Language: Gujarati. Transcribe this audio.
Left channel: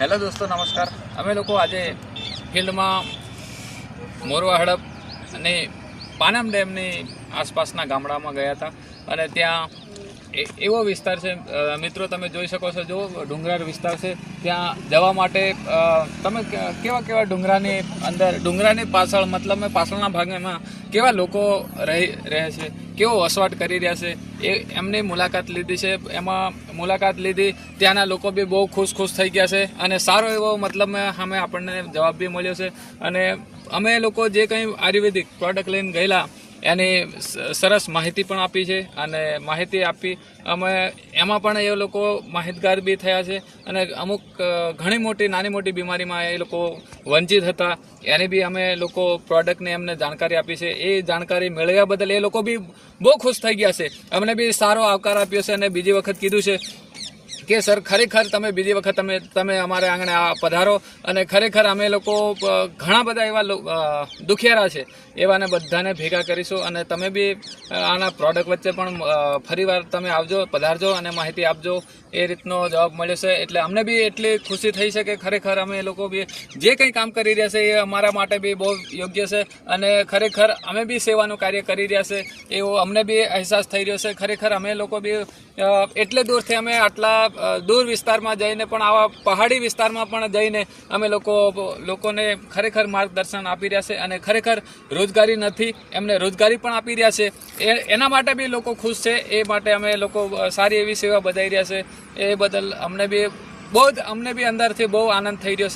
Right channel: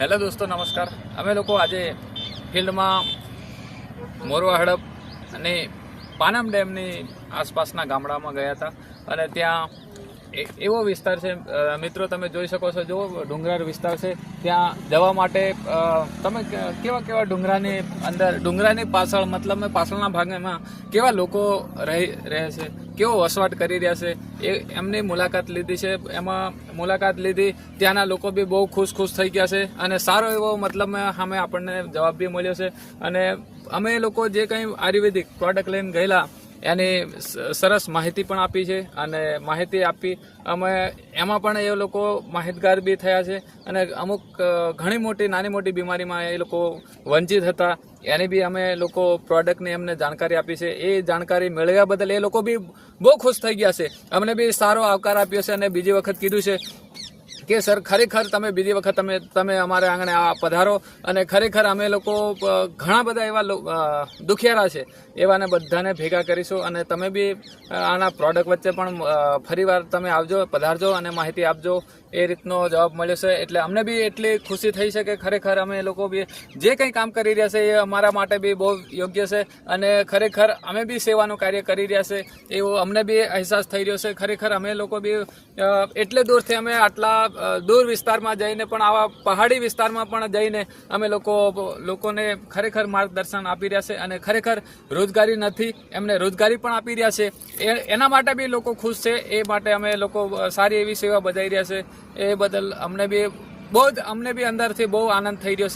હેલો દોસ્તો, નમસ્કાર। અમે લોકો આજે ફિલ્ડમાં મોરવા હડપ અને પાનમ ડેમની આસપાસના ગામડામાં ગયા હતા અને ત્યાં એવો વિસ્તાર છે મિત્રો, તમે જોઈ શકો છો, જો ડુંગરાળ વિસ્તાર છે। ત્યાં જવા માટે તમે કેવા ડુંગરાની અંદર, ડુંગરાની પાછળ મતલબ પાછળના ભાગમાં કેવા લોકો રહે છે, કેવો વસવાટ કરી રહ્યા છે, એ એમની મુલાકાત લીધી છે। એમાં મુલાકાત લીધી, ત્યાંના લોકો બી બહુ ખુશ થઈ ગયા છે અને સારો એવો મતલબ સામે આપણને જવાબ બી મળ્યો છે। અને અમે લોકો જે કંઈ આયુર્વેદિક પ્રોડક્ટ લઈને ગયેલા એની સરસ માહિતી પણ આપી છે અને માહિતી આપી અમે એમાં પણ એ લોકો માહિતગાર બી થયા છે અને અમુક ઘણી મોટી નાની મોટી બીમારીમાં એ લોકો વંચિત હતા, એની બી અમે લોકો પ્રોડક્ટની એમને જાણકારી આપી છે। એ જાણકારી મેળવ્યા બદલ એ લોકો બી બહુ ખુશ થઈ ગયા છે, અમને બી સારો આવકાર આપ્યો છે અને બીજી વખત કીધું છે કે સર ખરેખર તમે બીજી વખત તમે અમારે આંગણે પધારો અને ખરેખર અમે લોકો ઘણા બધા એવા દુખિયારા છે એવાને બધાને ભેગા કરીશું અને તમે બી આના પ્રોડક્ટ વચ્ચે પણ ફરીવાર તમે આવજો, પધારજો અને માહિતી આપજો। એ રીતનો જવાબ મળ્યો છે એટલે અમને બી એટલી ખુશી થઈ છે કે ખરેખર અમે લોકો બી જે કંઈ કામ કરી રહ્યા છે એ અમારા માટે બી બહુ યોગ્ય છે અને ખરેખર અમે બી સેવાનું કાર્ય કરી રહ્યા છે એવો અમને બી અહેસાસ થઈ રહ્યો છે। ખરેખર અમે લોકો બી એટલે દૂરથી અમે આટલા દૂર વિસ્તારમાં જઈને પણ આવા પહાડી વિસ્તારમાં પણ જઈને અમે લોકોને ખરેખર માર્ગદર્શન આપી રહ્યા છે અને ખરેખર રોજગારી નથી એમને રોજગારી પણ આપી રહ્યા છે। એના માટે બી લોકો ખુશ છે, એ માટે અમે લોકો સારી એવી સેવા બજાવી રહ્યા છે। એ બદલ અમને બી અંદરથી બહુ આનંદ થઈ રહ્યો છે।